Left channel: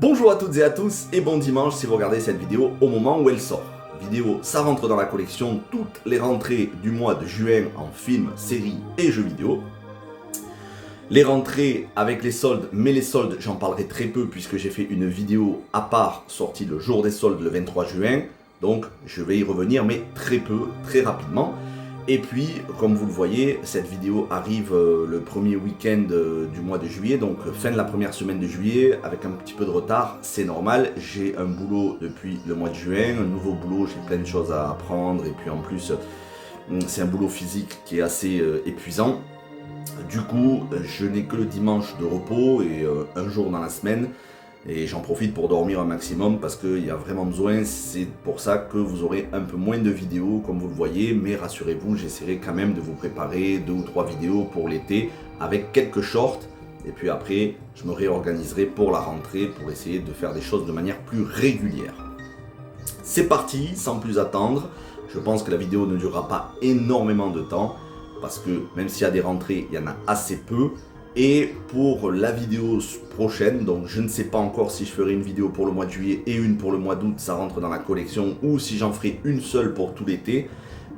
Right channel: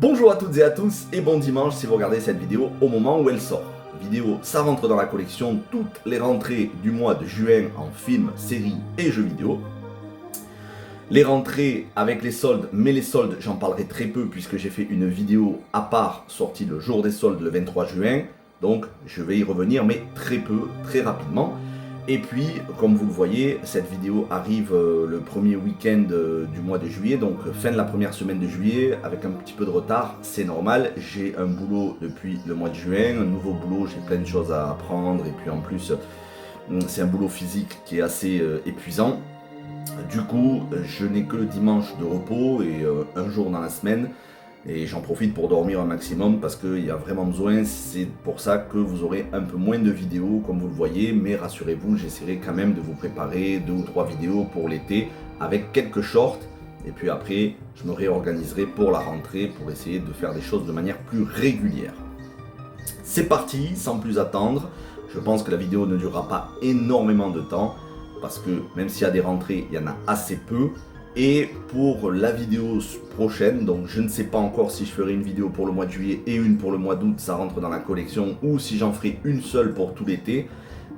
Bonjour à toutes et à tous et bon dimanche si vous regardez cette vidéo au moment où elle sort. Vidéo, ça rentre dans la collection toutes les rentrées du mois de juin en films, séries et jeux vidéo. Les rentrées avec les soldes, mais les soldes j'en parlerai très peu puisque j'ai fait une vidéo à part sortie le jour des soldes le 23 juin. Donc je vais y revenir mais très peu, très rapidement. Et puis, comme vous le voyez, cette vidéo arrive le premier week-end du mois de juillet, donc fin de la première semaine de juillet, avec un petit peu de retard, c'est normal. J'ai un boulot depuis le mois de juin, un nouveau boulot, j'ai plein de choses à apprendre, et puis en plus, c'est un boulot physique qui est assez épuisant. Du coup, je n'ai que le dimanche de repos et un jour dans la semaine. Et j'en profite pour dormir un maximum parce qu'il y a vraiment besoin. C'est pour ça que vous aurez un peu moins de vidéos comme vous le voyez. Mais rassurez-vous, j'essaierai quand même de vous préparer 2 ou 3 vidéos pour l'été avec quelques shorts. Et puis après, je me réorganiserai pour la rentrée pour essayer de faire des choses de manière plus régulière. C'est parti, sans plus attendre. Je pense que la vidéo ne durera pas énormément de temps parce que même s'il y a des rentrées, il y en a assez peu. Et pour la vidéo prochaine, donc je ne sais pas encore si je ferai une vidéo pour le mois de juillet et une pour le mois d'août, ça rentre dans la collection, ou si j'en ferai une seule pour tout l'été,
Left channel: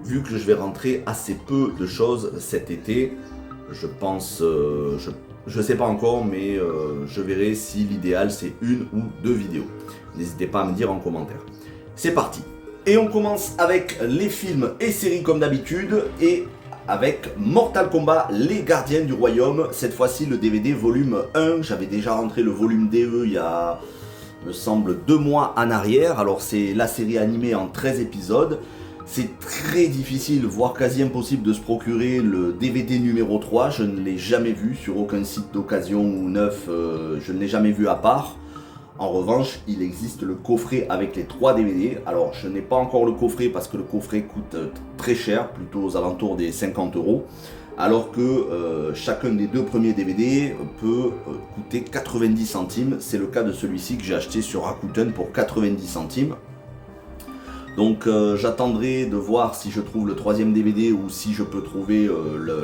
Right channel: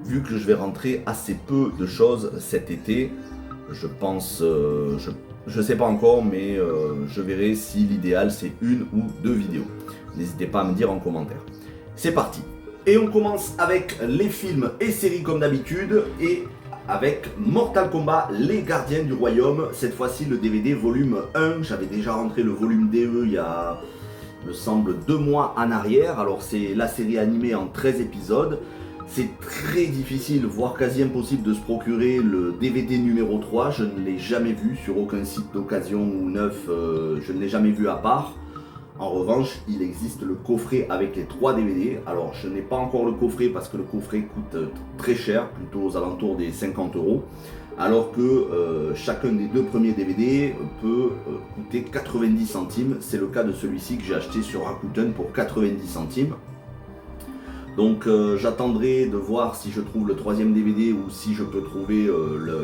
vu que je vais rentrer assez peu de choses cet été. Je pense, je sais pas encore, mais je verrai si l'idéal c'est une ou 2 vidéos. N'hésitez pas à me dire en commentaire. C'est parti. Et on commence avec les films et séries comme d'habitude, et avec Mortal Kombat, les gardiens du royaume. Cette fois-ci le DVD volume 1, j'avais déjà rentré le volume DE il y a, me semble, 2 mois en arrière. Alors c'est la série animée en 13 épisodes. C'est très difficile, voire quasi impossible de se procurer le DVD numéro 3. Je ne l'ai jamais vu sur aucun site d'occasion ou neuf, je ne l'ai jamais vu à part. En revanche, il existe le coffret avec les 3 DVD. Alors, je n'ai pas encore le coffret parce que le coffret coûte très cher, plutôt aux alentours des 50 €. Alors que chacun des 2 premiers DVD peut coûter 90 centimes. C'est le cas de celui-ci que j'ai acheté sur Rakuten pour 90 centimes. Donc j'attendrai de voir si je trouve le 3e DVD ou si je peux trouver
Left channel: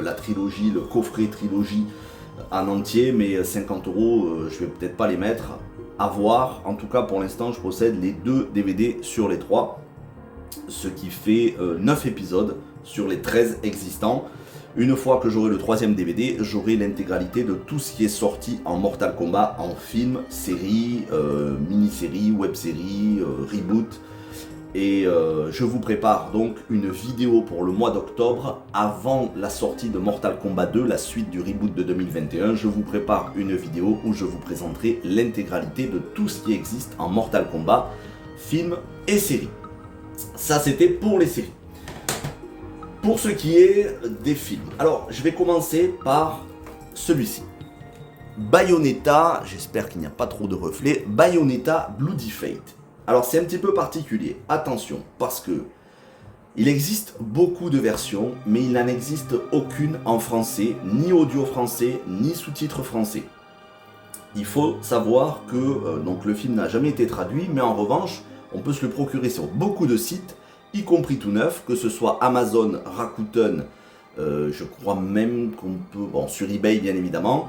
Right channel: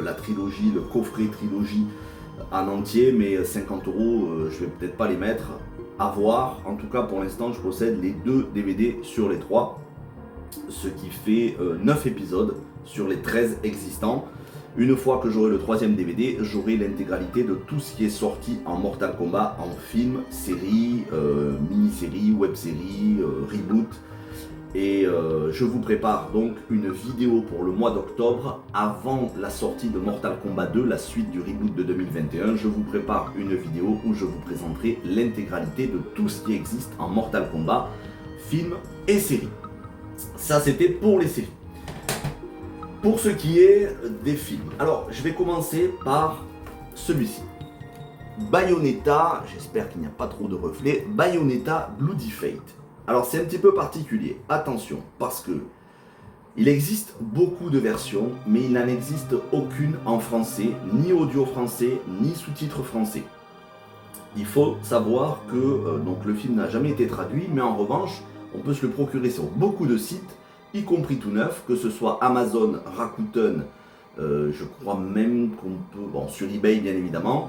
la trilogie, le coffret trilogie en entier. Mais 50 €, je vais peut-être pas les mettre. À voir. En tout cas, pour l'instant, je possède les 2 DVD sur les 3, ce qui fait 9 épisodes sur les 13 existants. Une fois que j'aurai le 3e DVD, j'aurai l'intégralité de tout ce qui est sorti en Mortal Kombat, en film, série, mini-série, web-série, reboot. Et je vous prépare donc une vidéo pour le mois d'octobre, avant la sortie de Mortal Kombat 2, la suite du reboot de 2021. Je vous prépare une vidéo où je vous présenterai l'intégralité de tout ce qui existe en Mortal Kombat, film et série. Ça, c'était pour les séries. Pour ce qui est des films, alors je vais commencer par celui-ci. Bayonetta, j'espère qu'il n'y a pas trop de reflets, Bayonetta Bloody Fate. Alors c'est un petit peu particulier, attention, parce que il existe beaucoup de versions, mais il n'en existe aucune en français, ni audio français, ni sous-titres français. Il faut savoir que donc le film n'a jamais été traduit, mais en revanche, on peut se le procurer sur beaucoup de sites, y compris tout neuf, que ce soit Amazon, Rakuten, je crois même qu'on peut, bon, sur eBay bien évidemment,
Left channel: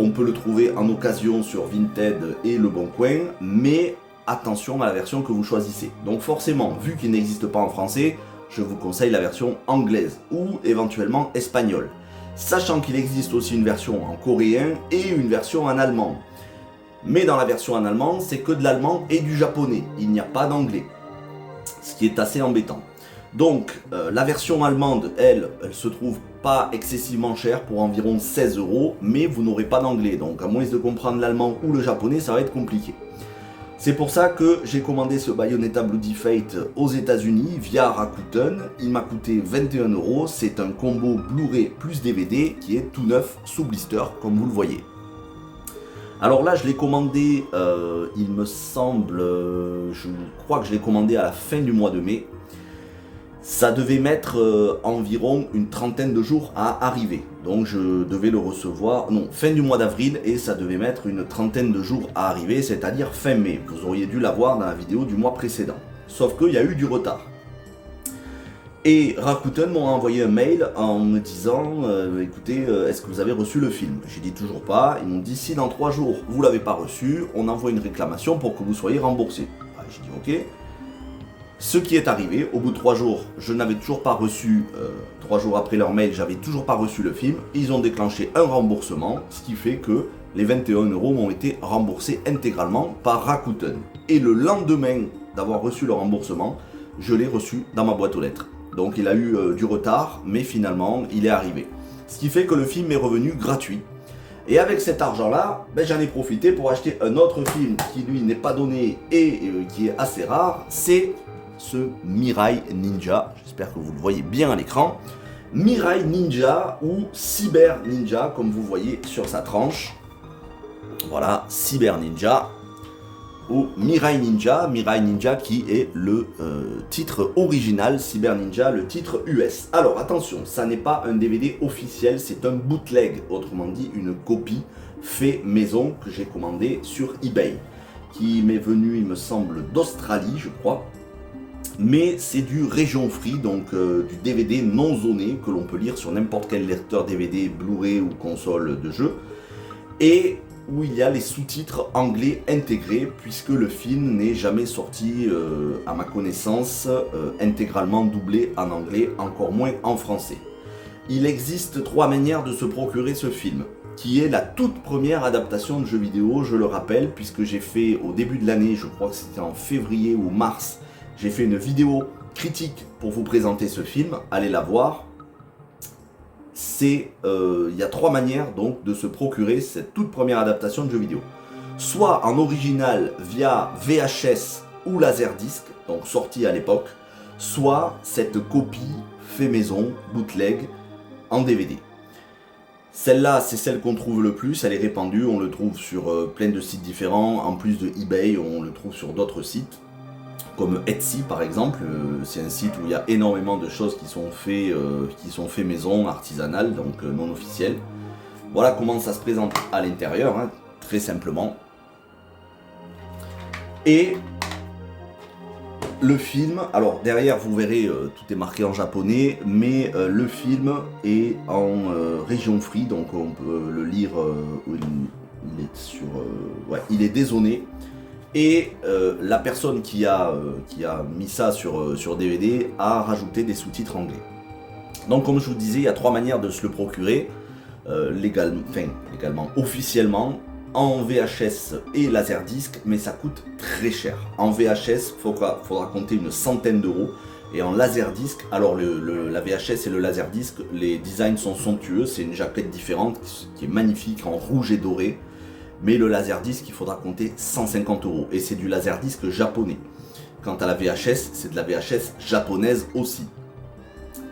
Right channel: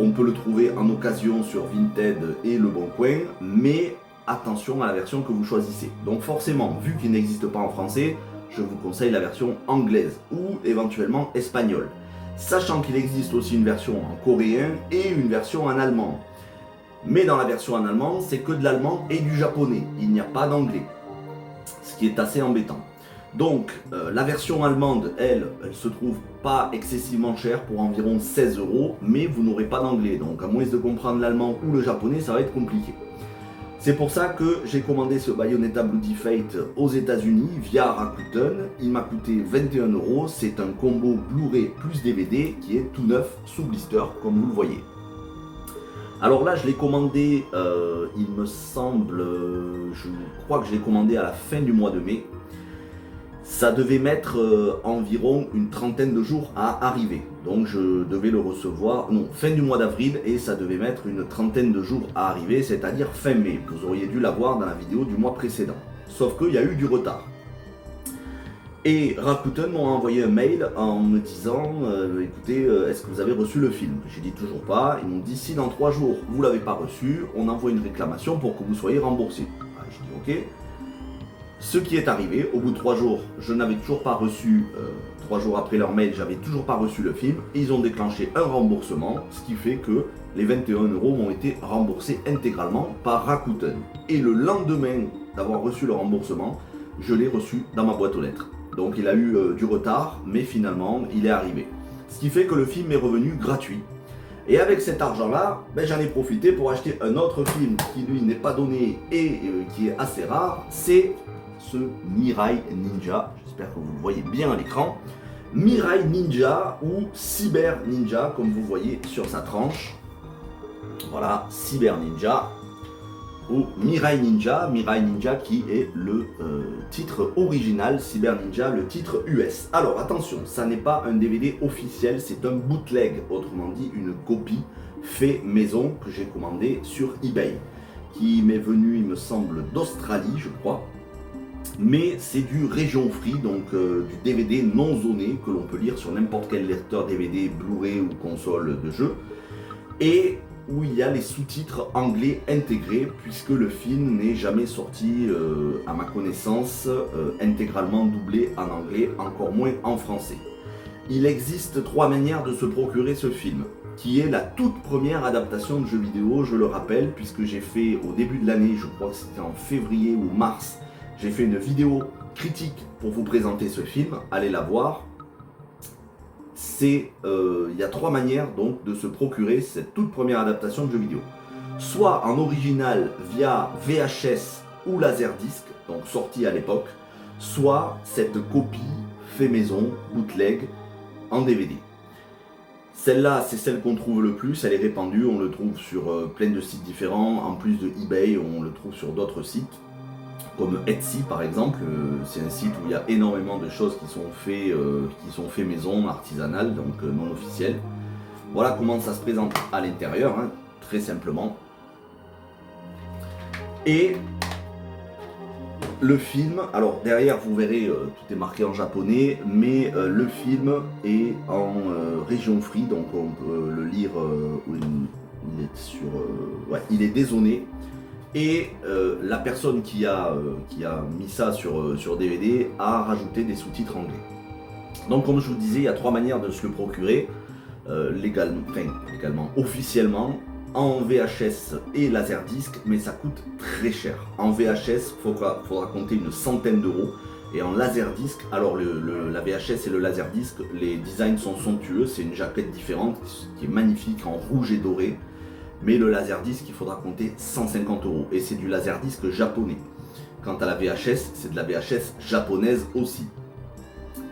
on peut le trouver en occasion sur Vinted et Le Bon Coin, mais attention à la version que vous choisissez. Donc forcément, vu qu'il n'existe pas en français, je vous conseille la version anglaise ou éventuellement espagnole. Sachant qu'il existe aussi une version en coréen et une version en allemand. Mais dans la version en allemand, c'est que de l'allemand et du japonais. Il n'y a pas d'anglais. Ce qui est assez embêtant. Donc la version allemande, elle se trouve pas excessivement chère pour environ 16 €, mais vous n'aurez pas d'anglais. Donc à moins de comprendre l'allemand ou le japonais, ça va être compliqué. C'est pour ça que j'ai commandé ce Bayonetta Bloody Fate aux États-Unis via Rakuten. Il m'a coûté 21 €. C'est un combo Blu-ray plus DVD qui est tout neuf sous blister, comme vous le voyez. Alors là, je l'ai commandé, il me semble, je crois que je l'ai commandé à la fin du mois de mai. Ça devait mettre environ une trentaine de jours à arriver. Donc je devais le recevoir, non, fin du mois d'avril, et ça devait mettre une trentaine de jours à arriver, c'est-à-dire fin mai. Vous auriez dû l'avoir dans la vidéo du mois précédent. Sauf qu'il y a eu du retard. Et Rakuten m'a envoyé un mail en me disant écoutez, est-ce que vous avez reçu le film? J'ai dit toujours pas. Ils m'ont dit si dans 3 jours vous l'avez pas reçu, on envoie une réclamation pour que vous soyez remboursé. J'ai dit ok. Ce qui est arrivé, au bout de 3 jours, je n'avais toujours pas reçu, 3 jours après leur mail, j'avais toujours pas reçu le film. Ils ont déclenché un remboursement, ce qui fait que les 21 € ont été remboursés intégralement par Rakuten. Et le lendemain d'avoir reçu le remboursement, je l'ai reçu dans ma boîte aux lettres. Donc il a eu du retard, mais finalement il est arrivé. Ce qui fait que le film est revenu gratuit. Et avec cet argent-là, j'en ai profité pour acheter un autre film qui lui n'est pas donné et qui est assez rare. C'est ce Mirai Ninja. J'espère que vous le voyez bien à l'écran. Mirai Ninja ou Cyber Ninja, comme vous voyez sur sa tranche. Voilà, Cyber Ninja. Ou Mirai Ninja qui est le titre original, Cyber Ninja, le titre US. Alors attention, ça n'est pas un DVD officiel, c'est un bootleg, autrement dit une copie fait maison que j'ai commandé sur eBay, qui m'est venu, il me semble, d'Australie, je crois. Mais c'est du region free, donc du DVD non zoné que l'on peut lire sur n'importe quel lecteur DVD, Blu-ray ou console de jeu. Et où il y a les sous-titres anglais intégrés, puisque le film n'est jamais sorti, à ma connaissance, intégralement doublé en anglais, encore moins en français. Il existe 3 manières de se procurer ce film, qui est la toute première adaptation de jeu vidéo, je le rappelle, puisque j'ai fait au début de l'année, je crois que c'était en février ou mars, j'ai fait une vidéo critique pour vous présenter ce film, allez la voir. Il y a 3 manières donc de se procurer cette toute première adaptation de jeu vidéo. Soit en original via VHS ou Laserdisc, donc sorti à l'époque, soit cette copie fait maison, bootleg, en DVD. Celle-là, c'est celle qu'on trouve le plus, elle est répandue, on le trouve sur plein de sites différents, en plus de eBay, on le trouve sur d'autres sites. Comme Etsy par exemple, c'est un site où il y a énormément de choses qui sont faites maison, artisanales, donc non officielles. Voilà comment ça se présente à l'intérieur, hein, très simplement. Et le film, alors derrière vous verrez, tout est marqué en japonais, mais le film est en région free, donc on peut le lire, il est dézoné. Et la personne qui a mis ça sur DVD a rajouté des sous-titres anglais. Donc comme je vous disais, il y a 3 manières de se le procurer, légalement, officiellement, en VHS et Laserdisc, mais ça coûte très cher. En VHS, faudra compter une centaine d'euros, et en Laserdisc, alors la VHS et le Laserdisc, les designs sont somptueux, c'est une jaquette différente qui est magnifique en rouge et doré. Mais le Laserdisc, il faudra compter 150 €. Et c'est du Laserdisc japonais. Quant à la VHS, c'est de la VHS japonaise aussi.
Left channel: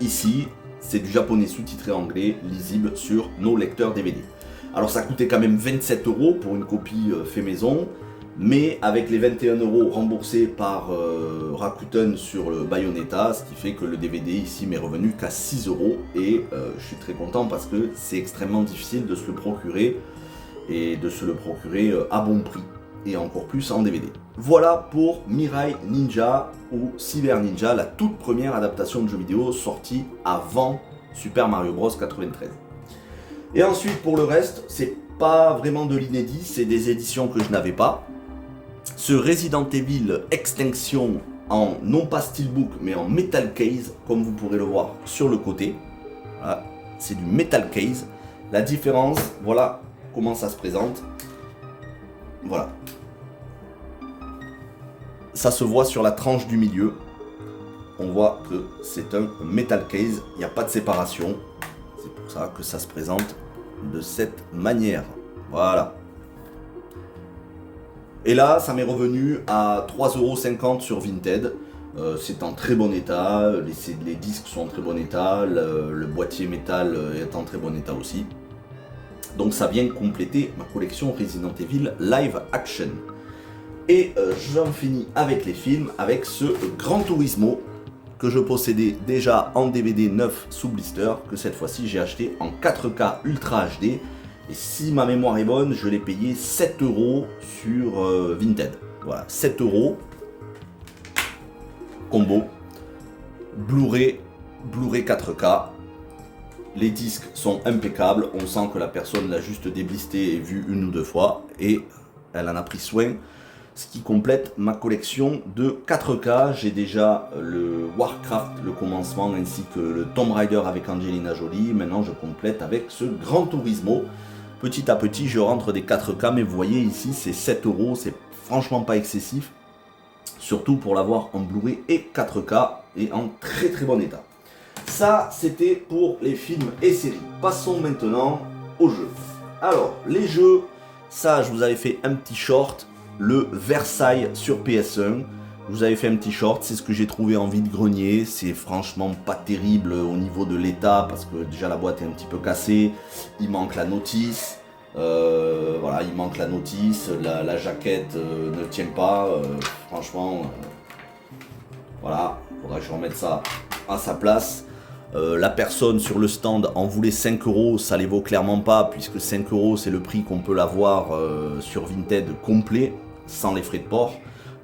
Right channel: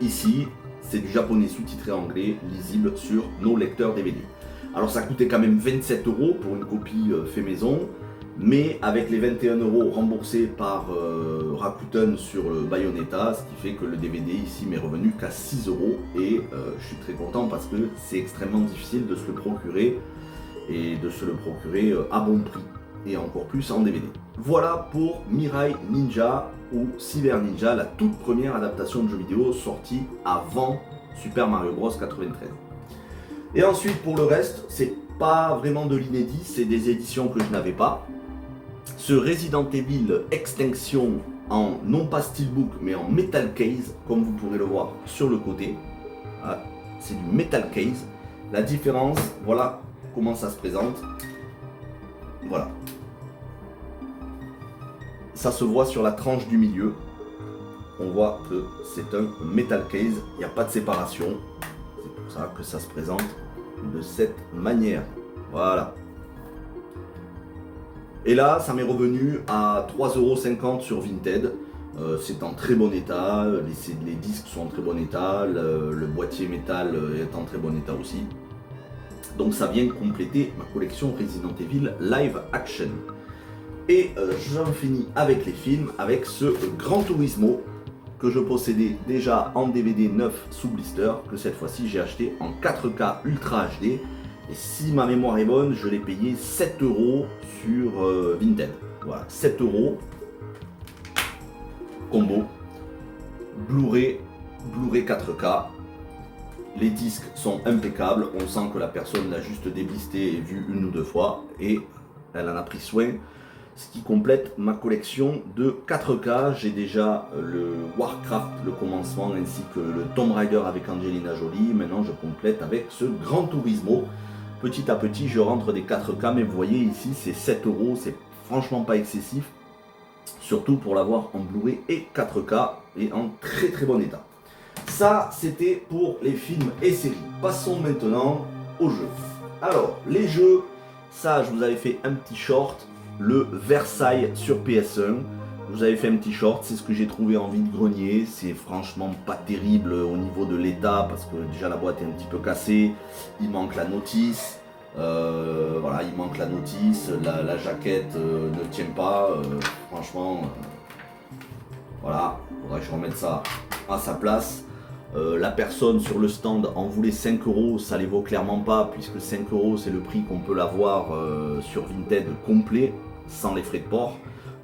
Ici, c'est du japonais sous-titré anglais, lisible sur nos lecteurs DVD. Alors ça coûtait quand même 27 € pour une copie fait maison. Mais avec les 21 € remboursés par Rakuten sur le Bayonetta, ce qui fait que le DVD ici m'est revenu qu'à 6 €. Et je suis très content parce que c'est extrêmement difficile de se le procurer. Et de se le procurer à bon prix, et encore plus en DVD. Voilà pour Mirai Ninja ou Cyber Ninja, la toute première adaptation de jeu vidéo sortie avant Super Mario Bros 93. Et ensuite pour le reste, c'est pas vraiment de l'inédit, c'est des éditions que je n'avais pas. Ce Resident Evil Extinction en non pas steelbook mais en metal case, comme vous pourrez le voir sur le côté. Voilà, c'est du metal case. La différence, voilà comment ça se présente. Voilà. Ça se voit sur la tranche du milieu. On voit que c'est un metal case. Il n'y a pas de séparation. C'est pour ça que ça se présente de cette manière. Voilà. Et là, ça m'est revenu à 3,50 € sur Vinted. C'est en très bon état. Les disques sont en très bon état. Le boîtier métal est en très bon état aussi. Donc ça vient compléter ma collection Resident Evil Live Action. Et j'en finis avec les films, avec ce Gran Turismo que je possédais déjà en DVD neuf sous blister, que cette fois-ci j'ai acheté en 4K Ultra HD. Et si ma mémoire est bonne, je l'ai payé 7 € sur Vinted. Voilà, 7 €. Combo. Blu-ray Blu-ray 4K. Les disques sont impeccables, on sent que la personne l'a juste déblisté et vu une ou deux fois et elle en a pris soin, ce qui complète ma collection de 4K. J'ai déjà le Warcraft, le commencement, ainsi que le Tomb Raider avec Angelina Jolie. Maintenant je complète avec ce Gran Turismo. Petit à petit je rentre des 4K, mais vous voyez ici c'est 7 €, c'est franchement pas excessif, surtout pour l'avoir en Blu-ray et 4K et en très très bon état. Ça, c'était pour les films et séries. Passons maintenant aux jeux. Alors, les jeux, ça, je vous avais fait un petit short, le Versailles sur PS1. Je vous avais fait un petit short, c'est ce que j'ai trouvé en vide-grenier. C'est franchement pas terrible au niveau de l'état, parce que déjà la boîte est un petit peu cassée. Il manque la notice. Voilà, il manque la notice. La jaquette ne tient pas. Franchement, voilà, il faudra que je remette ça à sa place. La personne sur le stand en voulait 5 €, ça les vaut clairement pas, puisque 5 € c'est le prix qu'on peut l'avoir sur Vinted complet, sans les frais de port.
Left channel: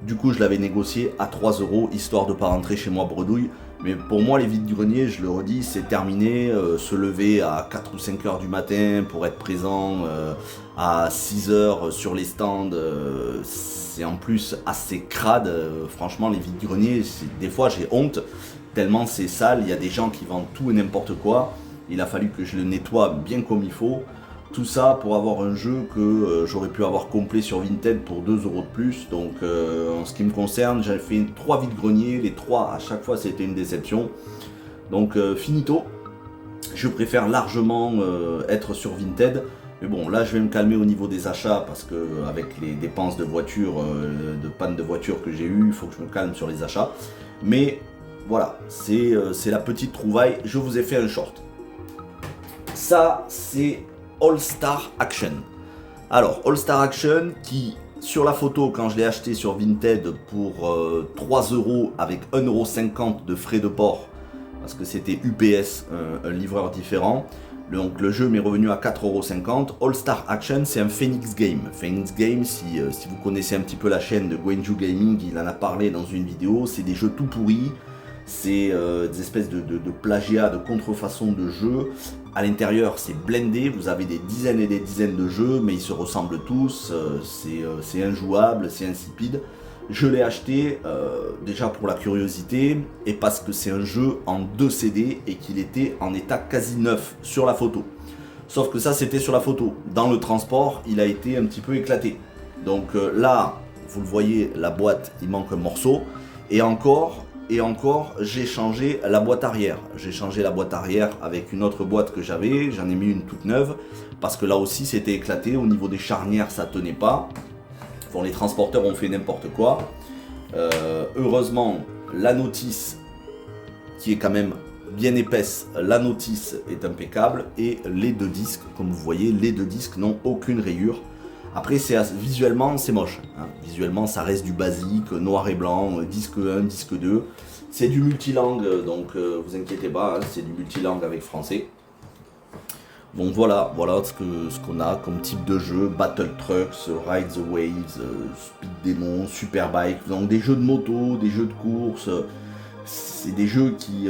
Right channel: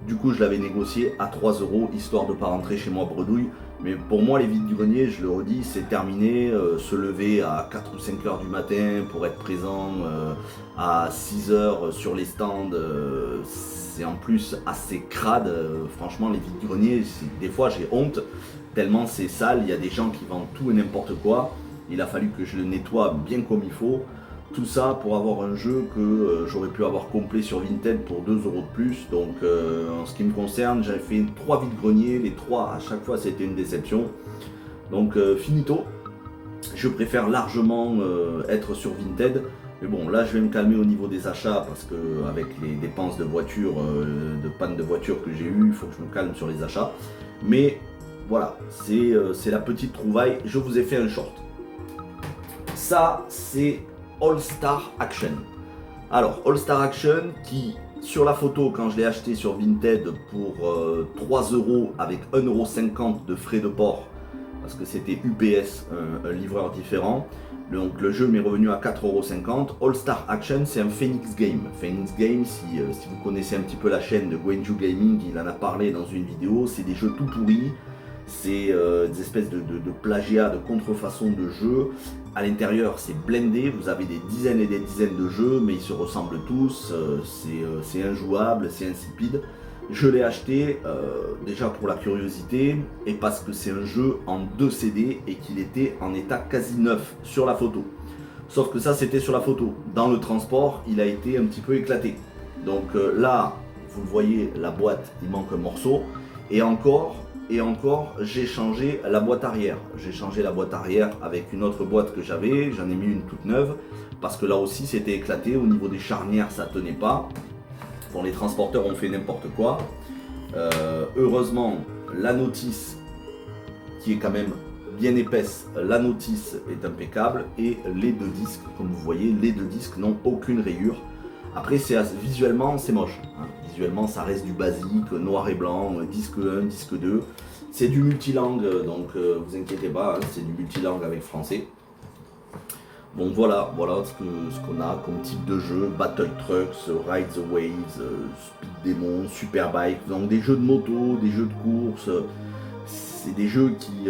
Du coup je l'avais négocié à 3 €, histoire de ne pas rentrer chez moi bredouille. Mais pour moi les vides du grenier, je le redis, c'est terminé. Se lever à 4 ou 5 heures du matin pour être présent à 6 heures sur les stands, c'est en plus assez crade. Franchement les vides du grenier, des fois j'ai honte. Tellement c'est sale, il y a des gens qui vendent tout et n'importe quoi. Il a fallu que je le nettoie bien comme il faut. Tout ça pour avoir un jeu que j'aurais pu avoir complet sur Vinted pour 2 € de plus. Donc en ce qui me concerne, j'avais fait 3 vides-greniers. Les 3 à chaque fois c'était une déception. Donc finito. Je préfère largement être sur Vinted. Mais bon, là je vais me calmer au niveau des achats, parce que avec les dépenses de voiture, de panne de voiture que j'ai eu, il faut que je me calme sur les achats. Mais voilà, c'est la petite trouvaille. Je vous ai fait un short. Ça, c'est All Star Action. Alors, All Star Action qui, sur la photo, quand je l'ai acheté sur Vinted pour 3 € avec 1,50 € de frais de port, parce que c'était UPS, un livreur différent. Donc le jeu m'est revenu à 4,50 €. All Star Action, c'est un Phoenix Game. Phoenix Game, si vous connaissez un petit peu la chaîne de Gwenju Gaming, il en a parlé dans une vidéo. C'est des jeux tout pourris. C'est des espèces de plagiat, de contrefaçon de jeux. À l'intérieur, c'est blindé. Vous avez des dizaines et des dizaines de jeux, mais ils se ressemblent tous. C'est injouable, c'est insipide. Je l'ai acheté déjà pour la curiosité et parce que c'est un jeu en 2 CD et qu'il était en état quasi neuf sur la photo. Sauf que ça, c'était sur la photo. Dans le transport, il a été un petit peu éclaté. Donc là, vous le voyez, la boîte, il manque un morceau. Et encore, j'ai changé la boîte arrière. J'ai changé la boîte arrière avec une autre boîte que j'avais. J'en ai mis une toute neuve parce que là aussi, c'était éclaté. Au niveau des charnières, ça tenait pas. Bon, les transporteurs ont fait n'importe quoi. Heureusement, la notice, qui est quand même bien épaisse, la notice est impeccable. Et les 2 disques, comme vous voyez, les 2 disques n'ont aucune rayure. Après, visuellement, c'est moche. Hein. Visuellement, ça reste du basique, noir et blanc, disque 1, disque 2. C'est du multilangue, donc vous inquiétez pas, hein, c'est du multilangue avec français. Donc voilà ce qu'on a comme type de jeu: Battle Trucks, Ride the Waves, Speed Demon, Superbike. Donc des jeux de moto, des jeux de course. C'est des jeux qui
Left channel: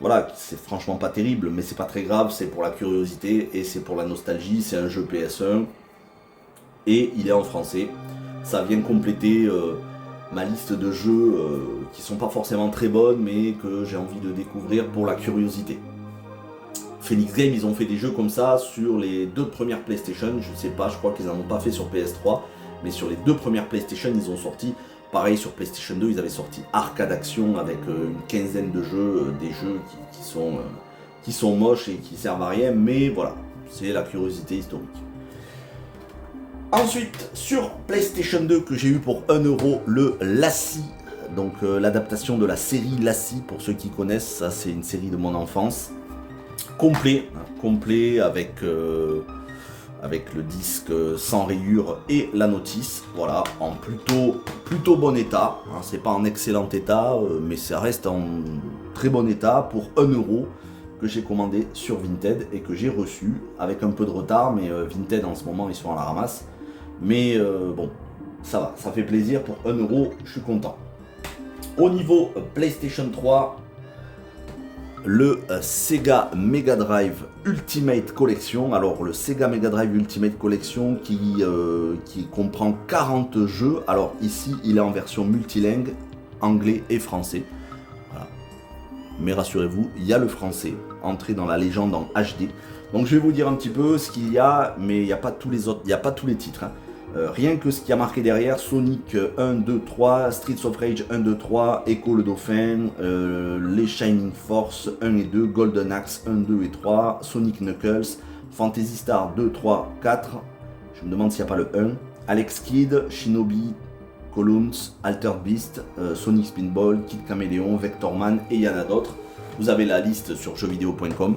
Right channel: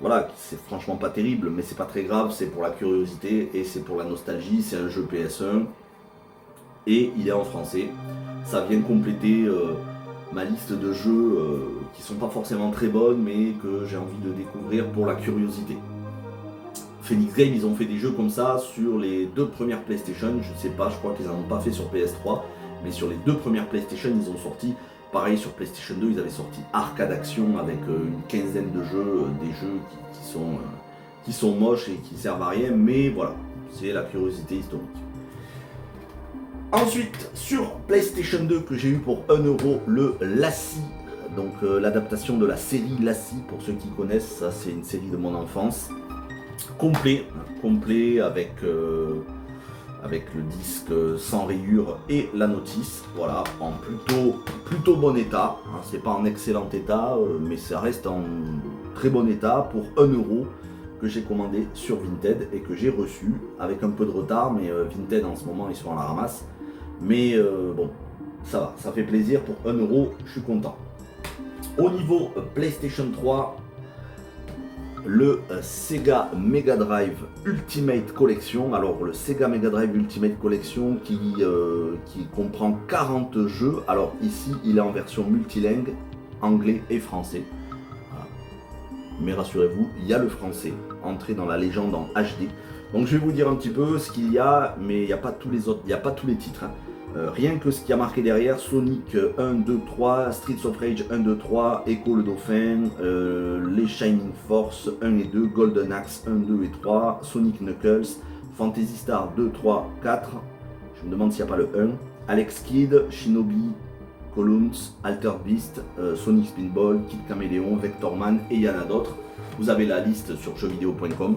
voilà, c'est franchement pas terrible, mais c'est pas très grave, c'est pour la curiosité et c'est pour la nostalgie. C'est un jeu PS1 et il est en français. Ça vient compléter ma liste de jeux qui sont pas forcément très bonnes, mais que j'ai envie de découvrir pour la curiosité. Phoenix Game, ils ont fait des jeux comme ça sur les 2 premières PlayStation. Je sais pas, je crois qu'ils en ont pas fait sur PS3, mais sur les 2 premières PlayStation, ils ont sorti. Pareil, sur PlayStation 2, ils avaient sorti Arcade Action avec une quinzaine de jeux, des jeux qui sont moches et qui servent à rien, mais voilà, c'est la curiosité historique. Ensuite, sur PlayStation 2, que j'ai eu pour 1 €, le Lassie, donc l'adaptation de la série Lassie, pour ceux qui connaissent, ça c'est une série de mon enfance. Complet avec le disque sans rayure et la notice, voilà, en plutôt bon état. C'est pas en excellent état, mais ça reste en très bon état pour 1 € que j'ai commandé sur Vinted et que j'ai reçu avec un peu de retard, mais Vinted en ce moment ils sont à la ramasse. Mais bon, ça va, ça fait plaisir pour 1 €, je suis content. Au niveau PlayStation 3, le Sega Mega Drive Ultimate Collection. Alors le Sega Mega Drive Ultimate Collection qui comprend 40 jeux. Alors ici il est en version multilingue, anglais et français. Voilà. Mais rassurez-vous, il y a le français, entré dans la légende en HD. Donc je vais vous dire un petit peu ce qu'il y a, mais il n'y a pas tous les autres, il n'y a pas tous les titres. Rien que ce qui a marqué derrière, Sonic 1, 2, 3, Streets of Rage 1, 2, 3, Echo le Dauphin, les Shining Force 1 et 2, Golden Axe 1, 2 et 3, Sonic Knuckles, Fantasy Star 2, 3, 4, je me demande s'il n'y a pas le 1, Alex Kidd, Shinobi, Columns, Altered Beast, Sonic Spinball, Kid Caméléon, Vectorman et il y en a d'autres. Vous avez la liste sur jeuxvideo.com.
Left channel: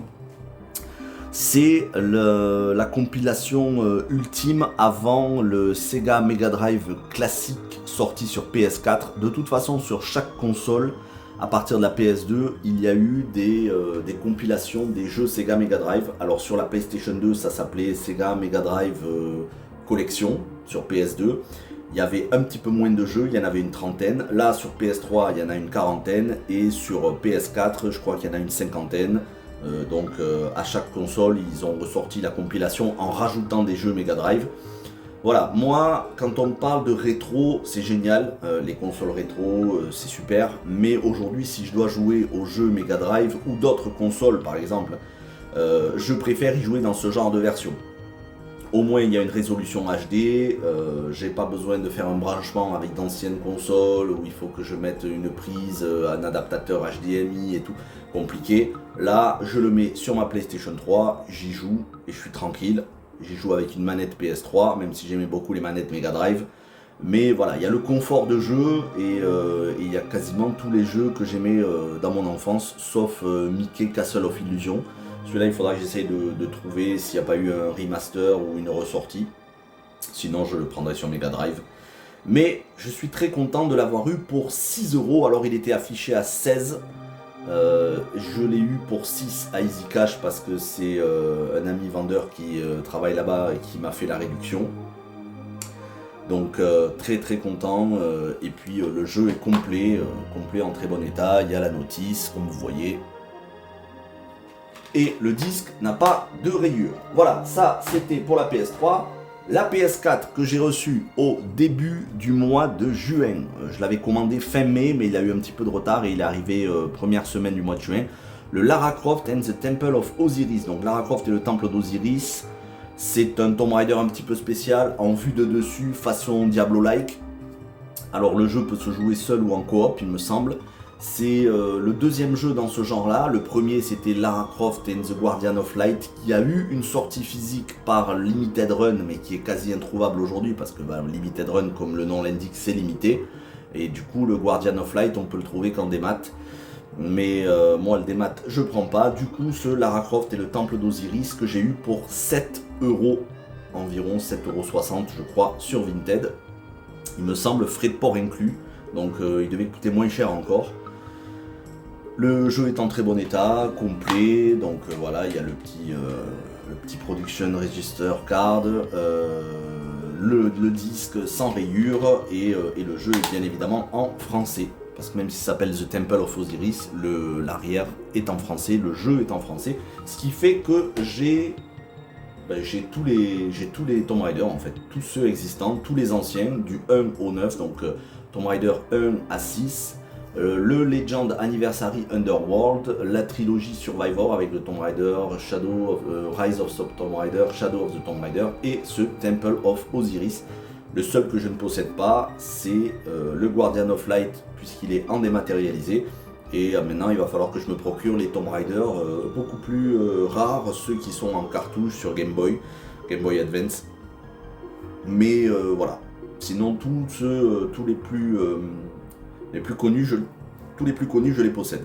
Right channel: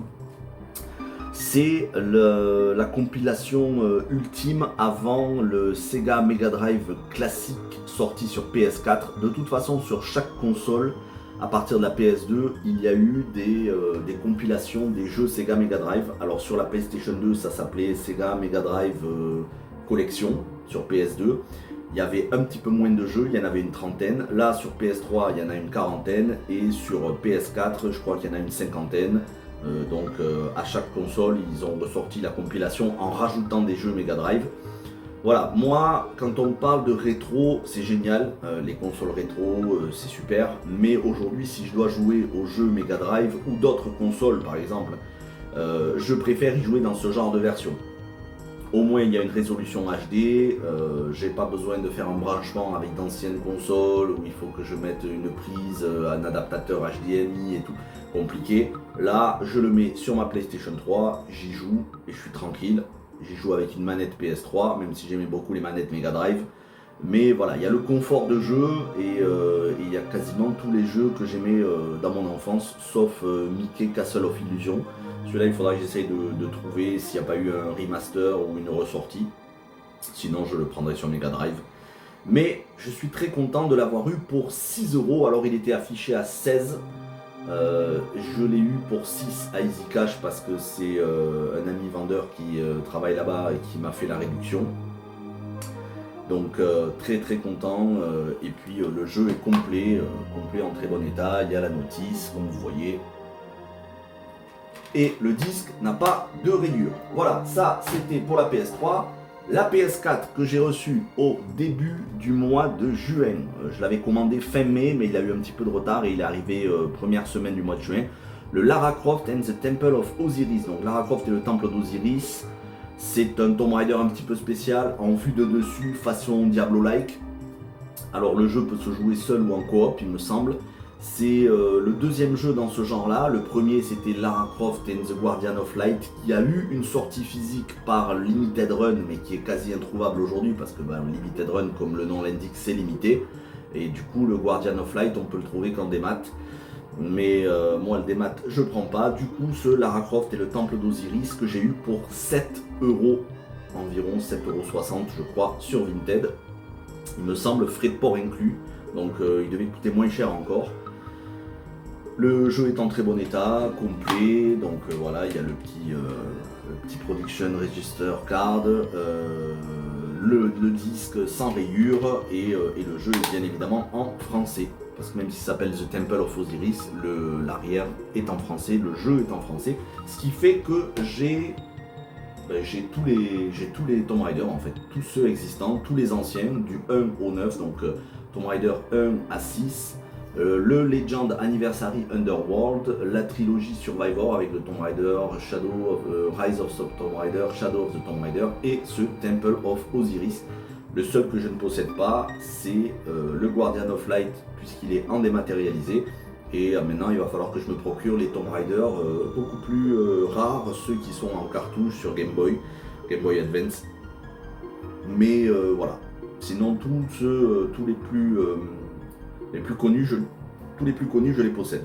C'est la compilation ultime avant le Sega Mega Drive classique sorti sur PS4. De toute façon, sur chaque console, à partir de la PS2, il y a eu des compilations des jeux Sega Mega Drive. Alors sur la PlayStation 2, ça s'appelait Sega Mega Drive Collection sur PS2. Il y avait un petit peu moins de jeux, il y en avait une trentaine. Là, sur PS3, il y en a une quarantaine. Et sur PS4, je crois qu'il y en a une cinquantaine. Donc à chaque console ils ont ressorti la compilation en rajoutant des jeux Mega Drive. Voilà, moi quand on parle de rétro c'est génial, les consoles rétro c'est super, mais aujourd'hui si je dois jouer aux jeux Mega Drive ou d'autres consoles par exemple, je préfère y jouer dans ce genre de version. Au moins il y a une résolution HD, j'ai pas besoin de faire un branchement avec d'anciennes consoles où il faut que je mette une prise, un adaptateur HDMI et tout, compliqué. Là je le mets sur ma PlayStation 3, j'y joue et je suis tranquille. J'y joue avec une manette PS3, même si j'aimais beaucoup les manettes Mega Drive. Mais voilà, il y a le confort de jeu et il y a quasiment tous les jeux que j'aimais dans mon enfance, sauf Mickey Castle of Illusion. Celui-là, il faudra que j'essaye de trouver s'il n'y a pas eu un remaster ou une ressortie. Sinon, je le prendrai sur Mega Drive. Mais je suis très content de l'avoir eu pour 6 €. Alors, il était affiché à 16. Je l'ai eu pour 6 à Easy Cash parce que c'est un ami vendeur qui travaille là-bas et qui m'a fait la réduction. Donc très très content. Et puis le jeu est complet en très bon état. Il y a la notice, comme vous voyez. Et le disque n'a pas de rayures. Voilà, ça c'était pour la PS3. La PS4 que j'ai reçue au début du mois de juin. Je l'avais commandé fin mai, mais il a eu un petit peu de retard et il est arrivé première semaine du mois de juin. Le Lara Croft and the Temple of Osiris. Donc Lara Croft et le Temple d'Osiris. C'est un Tomb Raider un petit peu spécial, en vue de dessus, façon Diablo-like. Alors le jeu peut se jouer seul ou en coop, il me semble. C'est le deuxième jeu dans ce genre-là. Le premier, c'était Lara Croft and the Guardian of Light, qui a eu une sortie physique par Limited Run, mais qui est quasi introuvable aujourd'hui, parce que Limited Run, comme le nom l'indique, c'est limité. Et du coup, le Guardian of Light, on peut le trouver qu'en démat. Mais moi, le démat, je prends pas. Du coup, ce Lara Croft et le Temple d'Osiris, que j'ai eu pour 7 €, environ 7,60 € je crois, sur Vinted. Il me semble, frais de port inclus. Donc il devait coûter moins cher encore. Le jeu est en très bon état, complet, donc voilà, il y a le petit Production Register Card, le disque sans rayures et le jeu est bien évidemment en français. Parce que même s'il s'appelle The Temple of Osiris, l'arrière est en français, le jeu est en français. Ce qui fait que j'ai tous les Tomb Raider en fait, tous ceux existants, tous les anciens, du 1 au 9, donc Tomb Raider 1 à 6. Le Legend Anniversary Underworld, la trilogie Survivor avec le Tomb Raider, Rise of the Tomb Raider, Shadow of the Tomb Raider et ce Temple of Osiris. Le seul que je ne possède pas, c'est le Guardian of Light puisqu'il est en dématérialisé. Et maintenant, il va falloir que je me procure les Tomb Raider beaucoup plus rares, ceux qui sont en cartouche sur Game Boy Advance. Mais voilà. Sinon, tous les plus connus, je les possède.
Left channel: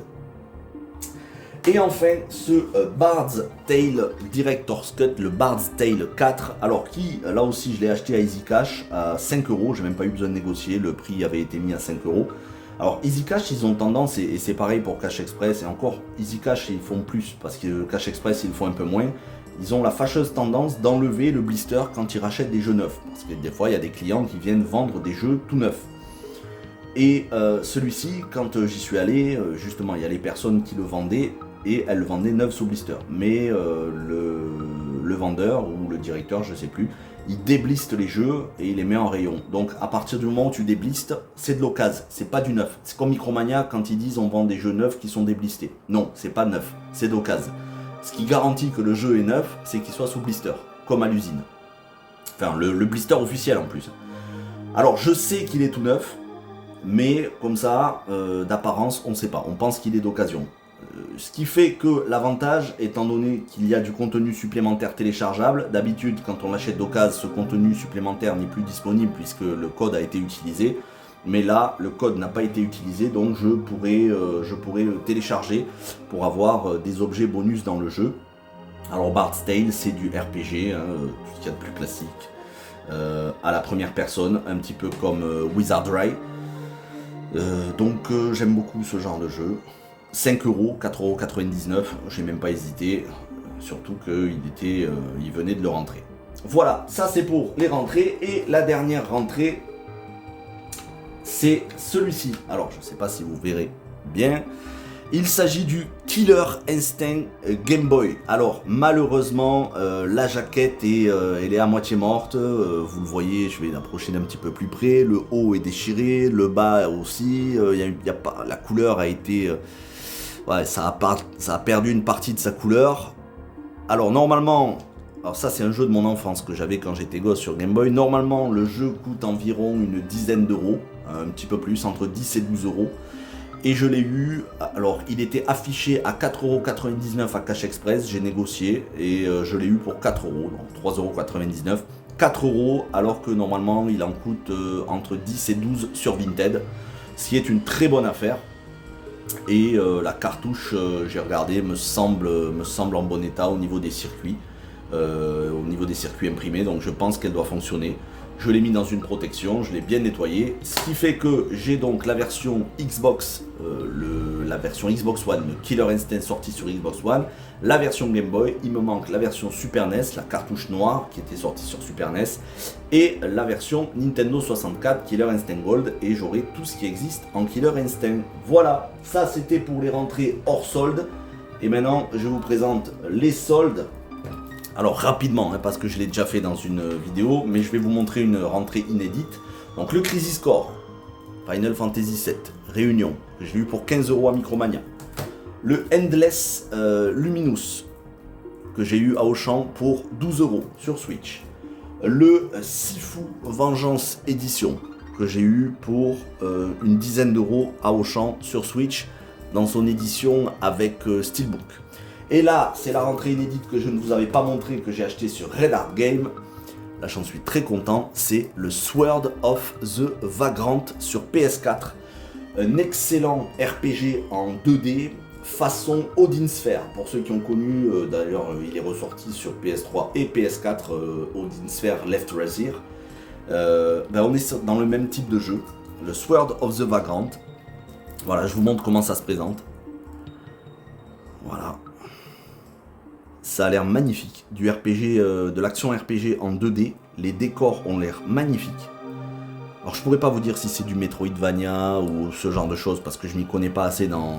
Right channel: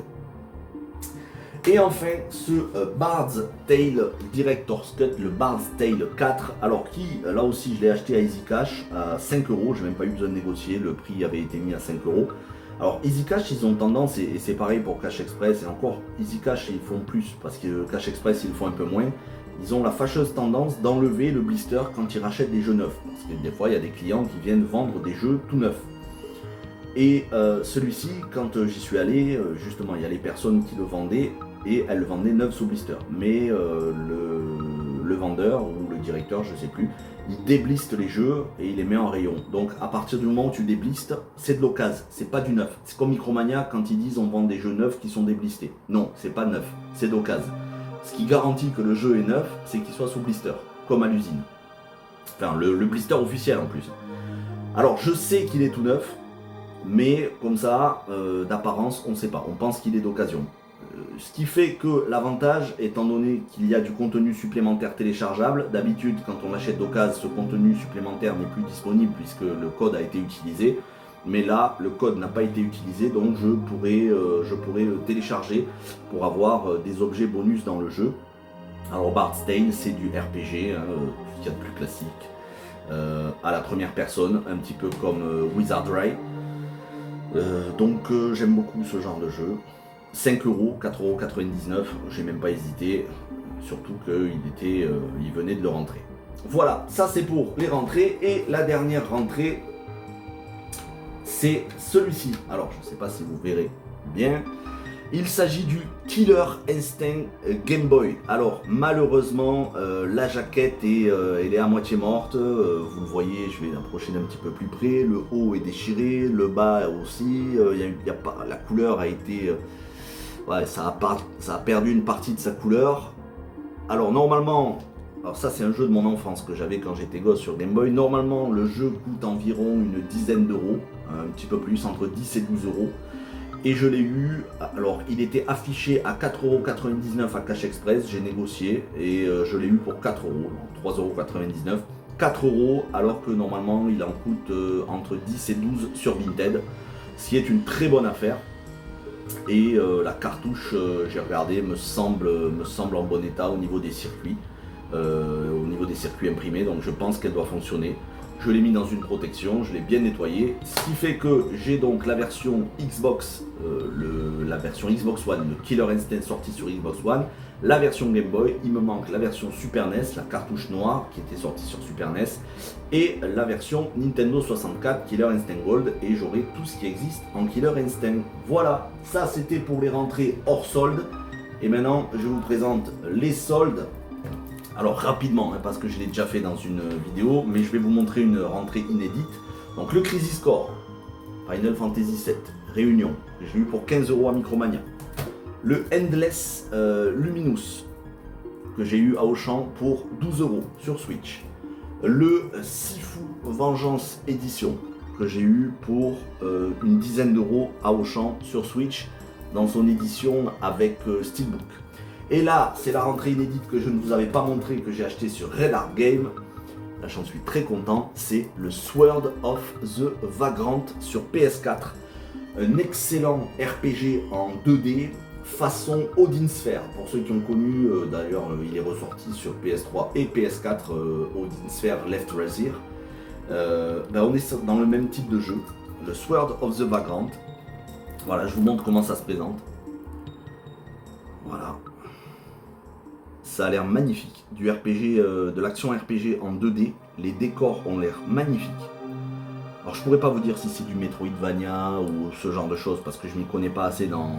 Et enfin, ce Bard's Tale Director's Cut, le Bard's Tale 4, alors qui, là aussi, je l'ai acheté à Easy Cash à 5 €, j'ai même pas eu besoin de négocier, le prix avait été mis à 5 €. Alors Easy Cash, ils ont tendance, et c'est pareil pour Cash Express, et encore, Easy Cash, ils font plus, parce que Cash Express, ils le font un peu moins. Ils ont la fâcheuse tendance d'enlever le blister quand ils rachètent des jeux neufs. Parce que des fois, il y a des clients qui viennent vendre des jeux tout neufs. Et celui-ci, quand j'y suis allé, justement, il y a les personnes qui le vendaient. et elle le vendait neuf sous blister. Mais le vendeur ou le directeur, je sais plus, il débliste les jeux et il les met en rayon. Donc à partir du moment où tu déblistes, c'est de l'occasion, c'est pas du neuf. C'est comme Micromania quand ils disent on vend des jeux neufs qui sont déblistés. Non, c'est pas neuf, c'est d'occasion. Ce qui garantit que le jeu est neuf, c'est qu'il soit sous blister, comme à l'usine. Enfin, le blister officiel en plus. Alors je sais qu'il est tout neuf, mais comme ça, d'apparence, on ne sait pas. On pense qu'il est d'occasion. Ce qui fait que l'avantage, étant donné qu'il y a du contenu supplémentaire téléchargeable, d'habitude quand on l'achète d'occasion, ce contenu supplémentaire n'est plus disponible puisque le code a été utilisé. Mais là, le code n'a pas été utilisé, donc je pourrais le télécharger pour avoir des objets bonus dans le jeu. Alors Bard's Tale, c'est du RPG, hein, tout ce qu'il y a de plus classique, à la première personne, un petit peu comme Wizardry. Donc j'aime beaucoup ce genre de jeu. 5 €, 4,99 €, j'ai même pas hésité, surtout qu'il venait de le rentrer. Voilà, ça c'est pour les rentrées, et la dernière rentrée, c'est celui-ci. Alors je sais pas si vous verrez bien, il s'agit du Killer Instinct Game Boy. Alors malheureusement la jaquette elle est à moitié morte, vous le voyez, je vais l'approcher d'un petit peu plus près, le haut est déchiré, le bas aussi, la couleur a été... ouais, ça a perdu une partie de sa couleur. Alors normalement, alors ça c'est un jeu de mon enfance que j'avais quand j'étais gosse sur Game Boy. Normalement le jeu coûte environ une dizaine d'euros, un petit peu plus, entre 10 et 12 €. Et je l'ai eu, alors il était affiché à 4,99 € à Cash Express, j'ai négocié et je l'ai eu pour 4 €, donc 3,99 €. 4 € alors que normalement il en coûte entre 10 et 12 sur Vinted, ce qui est une très bonne affaire. Et la cartouche, j'ai regardé, me semble en bon état au niveau des circuits, imprimés, donc je pense qu'elle doit fonctionner. Je l'ai mis dans une protection, je l'ai bien nettoyé, ce qui fait que j'ai donc la version Xbox, la version Xbox One, le Killer Instinct sorti sur Xbox One, la version Game Boy, il me manque la version Super NES, la cartouche noire qui était sortie sur Super NES, et la version Nintendo 64 Killer Instinct Gold, et j'aurai tout ce qui existe en Killer Instinct. Voilà, ça c'était pour les rentrées hors solde, et maintenant je vous présente les soldes. Alors rapidement, hein, parce que je l'ai déjà fait dans une vidéo, mais je vais vous montrer une rentrée inédite. Donc le Crisis Core, Final Fantasy VII, Réunion, je l'ai eu pour 15 € à Micromania. Le Endless Luminous, que j'ai eu à Auchan pour 12 € sur Switch. Le Sifu Vengeance Edition, que j'ai eu pour une dizaine d'euros à Auchan sur Switch, dans son édition avec Steelbook. Et là, c'est la rentrée inédite que je ne vous avais pas montré, que j'ai acheté sur Red Art Game. Là, j'en suis très content. C'est le Sword of the Vagrant sur PS4. Un excellent RPG en 2D, façon Odin Sphere. Pour ceux qui ont connu, d'ailleurs, il est ressorti sur PS3 et PS4, Odin Sphere Left Razir. On est dans le même type de jeu, le Sword of the Vagrant. Voilà, je vous montre comment ça se présente. Voilà. Ça a l'air magnifique, du RPG, de l'action RPG en 2D, les décors ont l'air magnifiques. Alors je pourrais pas vous dire si c'est du Metroidvania ou ce genre de choses parce que je m'y connais pas assez dans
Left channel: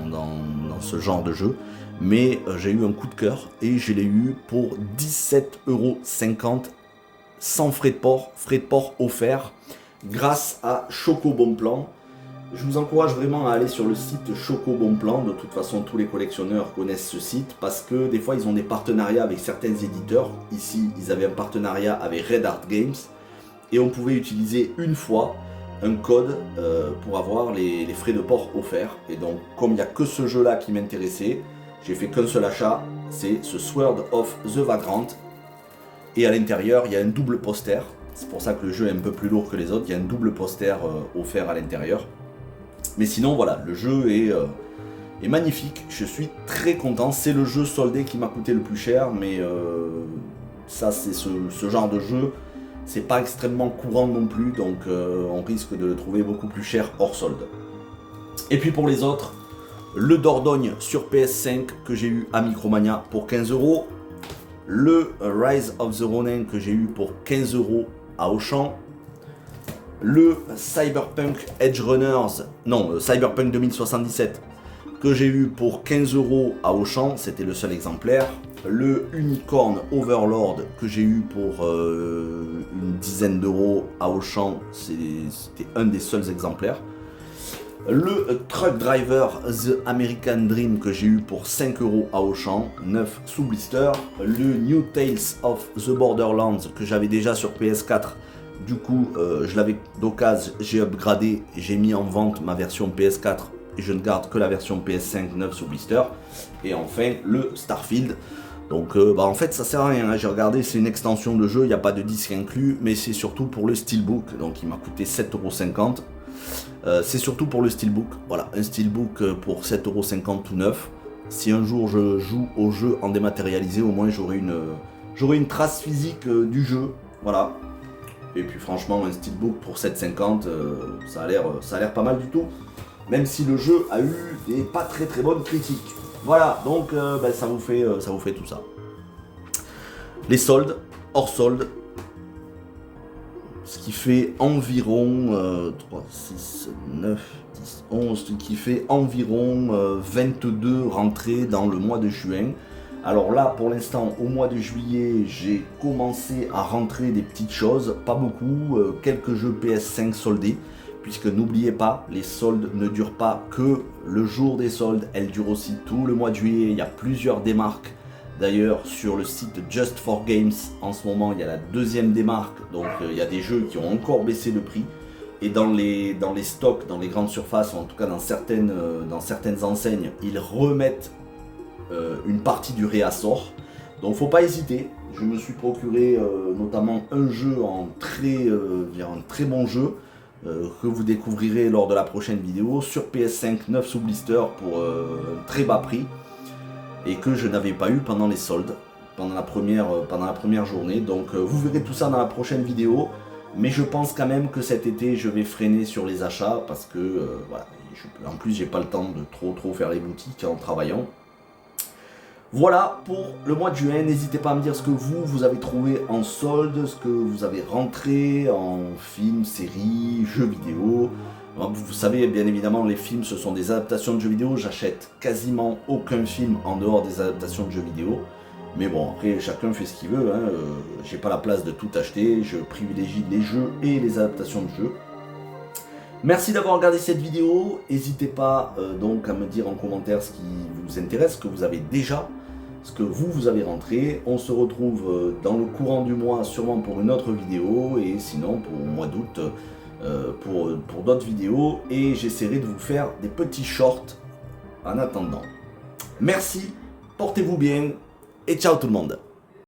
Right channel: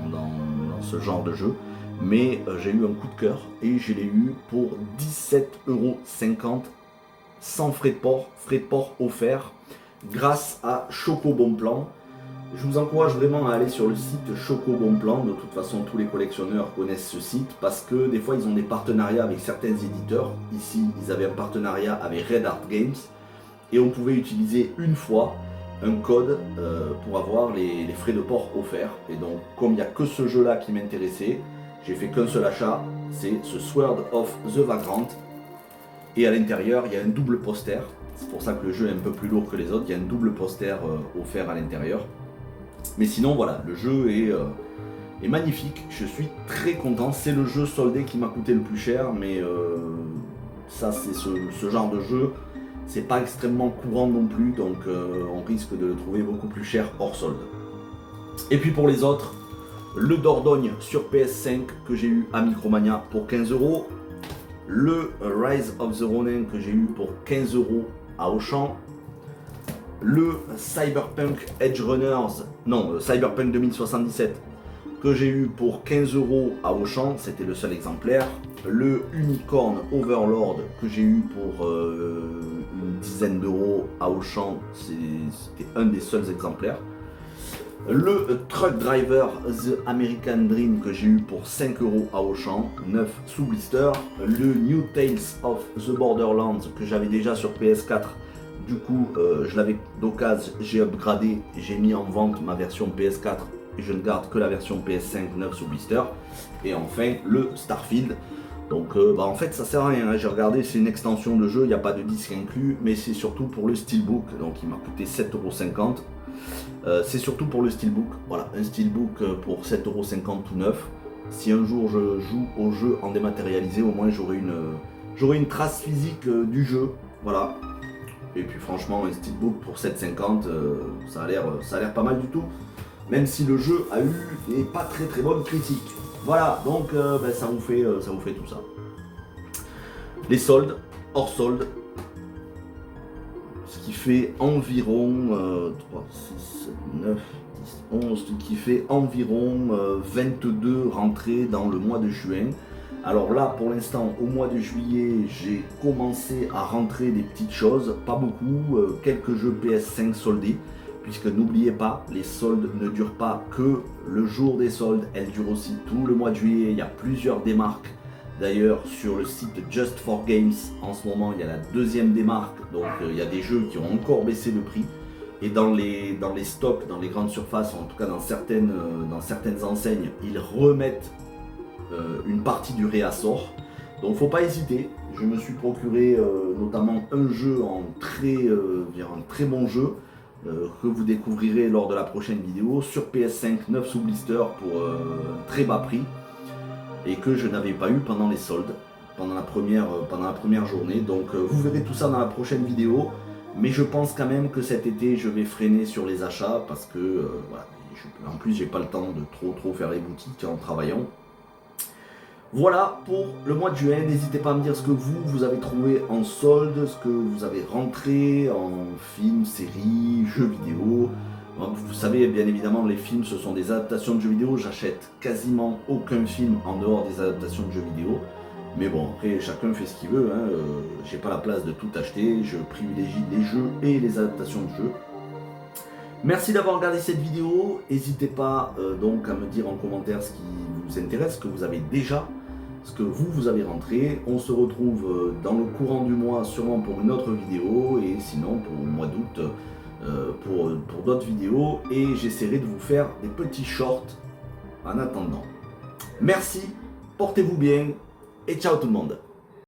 ce genre de jeu, mais j'ai eu un coup de cœur et je l'ai eu pour 17,50 € sans frais de port offerts grâce à Choco Bon Plan. Je vous encourage vraiment à aller sur le site Choco Bon Plan. De toute façon, tous les collectionneurs connaissent ce site parce que des fois, ils ont des partenariats avec certains éditeurs. Ici, ils avaient un partenariat avec Red Art Games et on pouvait utiliser une fois un code pour avoir les frais de port offerts. Et donc, comme il n'y a que ce jeu-là qui m'intéressait, j'ai fait qu'un seul achat, c'est ce Sword of the Vagrant. Et à l'intérieur, il y a un double poster. C'est pour ça que le jeu est un peu plus lourd que les autres. Il y a un double poster offert à l'intérieur. Mais sinon voilà, le jeu est magnifique, je suis très content, c'est le jeu soldé qui m'a coûté le plus cher, mais ça c'est ce genre de jeu, c'est pas extrêmement courant non plus, donc on risque de le trouver beaucoup plus cher hors solde. Et puis pour les autres, le Dordogne sur PS5 que j'ai eu à Micromania pour 15 €, le Rise of the Ronin que j'ai eu pour 15 € à Auchan, le Cyberpunk Edge Runners, non, Cyberpunk 2077 que j'ai eu pour 15 € à Auchan, c'était le seul exemplaire. Le Unicorn Overlord que j'ai eu pour une dizaine d'euros à Auchan, c'était un des seuls exemplaires. Le Truck Driver The American Dream que j'ai eu pour 5 € à Auchan, 9 sous blister. Le New Tales of the Borderlands que j'avais déjà sur PS4. Du coup, je l'avais d'occasion, j'ai upgradé et j'ai mis en vente ma version PS4 et je ne garde que la version PS5 9 sous blister. Et enfin, le Starfield. Donc en fait ça sert à rien, hein. J'ai regardé, c'est une extension de jeu, il n'y a pas de disque inclus, mais c'est surtout pour le Steelbook, donc il m'a coûté 7,50 €. C'est surtout pour le Steelbook, voilà, un Steelbook pour 7,50 € tout neuf. Si un jour je joue au jeu en dématérialisé, au moins j'aurai une trace physique du jeu, voilà. Et puis franchement un Steelbook pour 7,50 €, ça a l'air pas mal du tout, même si le jeu a eu des pas très bonnes critiques. Voilà, donc ça vous fait tout ça. Les soldes, hors soldes, ce qui fait environ 3, 6, 9, 10, 11, ce qui fait environ 22 rentrées dans le mois de juin. Alors là, pour l'instant, au mois de juillet, j'ai commencé à rentrer des petites choses, pas beaucoup, quelques jeux PS5 soldés. Puisque n'oubliez pas, les soldes ne durent pas que le jour des soldes, elles durent aussi tout le mois de juillet. Il y a plusieurs démarques. D'ailleurs, sur le site Just for Games, en ce moment, il y a la deuxième démarque. Donc, il y a des jeux qui ont encore baissé le prix. Et dans les stocks, dans les grandes surfaces, en tout cas dans certaines enseignes, ils remettent une partie du réassort. Donc, faut pas hésiter. Je me suis procuré notamment un jeu en très bon jeu. Que vous découvrirez lors de la prochaine vidéo sur PS5 9 sous blister pour très bas prix et que je n'avais pas eu pendant les soldes, pendant la première journée. Donc vous verrez tout ça dans la prochaine vidéo, mais je pense quand même que cet été je vais freiner sur les achats parce que voilà, en plus j'ai pas le temps de trop faire les boutiques en travaillant. Voilà pour le mois de juin, n'hésitez pas à me dire ce que vous avez trouvé en solde, ce que vous avez rentré en films, séries, jeux vidéo. Donc, vous savez, bien évidemment, les films ce sont des adaptations de jeux vidéo, j'achète quasiment aucun film en dehors des adaptations de jeux vidéo. Mais bon, après chacun fait ce qu'il veut, hein. J'ai pas la place de tout acheter, je privilégie les jeux et les adaptations de jeux. Merci d'avoir regardé cette vidéo, n'hésitez pas donc à me dire en commentaire ce qui vous intéresse, ce que vous avez déjà, ce que vous avez rentré. On se retrouve dans le courant du mois sûrement pour une autre vidéo et sinon pour le mois d'août pour d'autres vidéos et j'essaierai de vous faire des petits shorts en attendant. Merci, portez-vous bien et ciao tout le monde.